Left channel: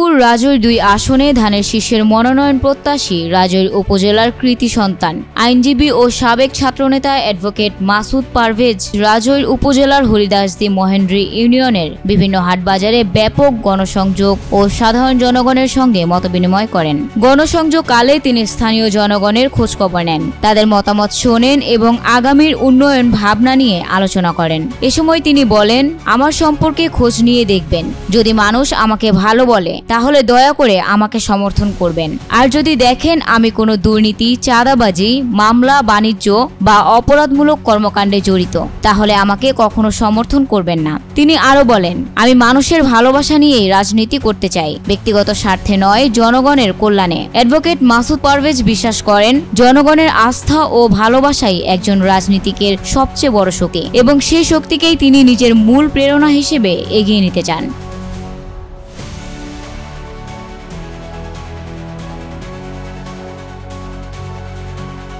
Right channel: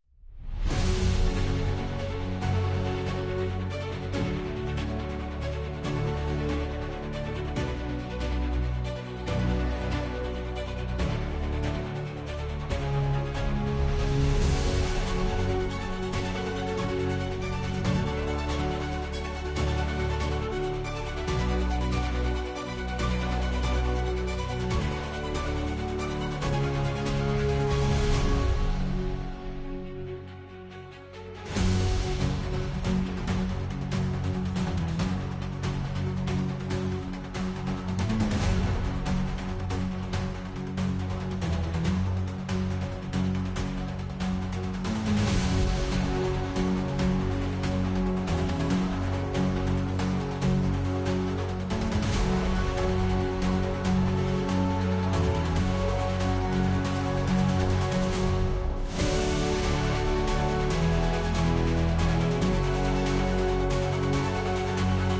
ফরিদপুর রাজৈর ২ আসনে ধানের শীষের মনোনয়ন প্রত্যাশী রাজৈর উপজেলার কৃতি সন্তান আইনজীবী ও সাবেক ছাত্রনেতা অ্যাডভোকেট মাসুদ পারভেজ রাজৈর উপজেলার হরিদাসদি মহেন্দ্রী ইউনিয়নের বিভিন্ন হাটবাজারে ব্যাপক গণসংযোগ ও সাধারণ জনগণের সঙ্গে মতবিনিময় করেন। গণসংযোগকালে তিনি স্থানীয় জনগণের খোঁজখবর নেন, তাদের মতামত শোনেন এবং আগামীর উন্নয়ন ভাবনা নিয়ে আলোচনা করেন। এ সময় তিনি বলেন, আমার সম্পর্কে খোঁজ নিয়ে দেখবেন, যদি মানুষ আমাকে ভালো বলে তাহলে দয়া করে আমাকে সমর্থন করবেন, আর যদি দেখেন আমি কোনো দুর্নীতি, চাঁদাবাজি, মামলা, বাণিজ্য বা অপরাধমূলক কর্মকাণ্ডে জড়িত তাহলে আমাকে কখনো সমর্থন করবেন না। তিনি আরো বলেন, আমি মানুষের ভালোবাসা নিয়েই রাজনীতি করতে চাই, ব্যক্তিগত স্বার্থে নয়, জনগণের কল্যাণে। অ্যাডভোকেট মাসুদ পারভেজ বিশ্বাস করেন, জনগণের আস্থা ও ভালোবাসাই একজন রাজনীতিকের সবচেয়ে বড় শক্তি এবং সেই শক্তিকেই তিনি নিজের মূল প্রেরণা হিসেবে এগিয়ে নিতে চান।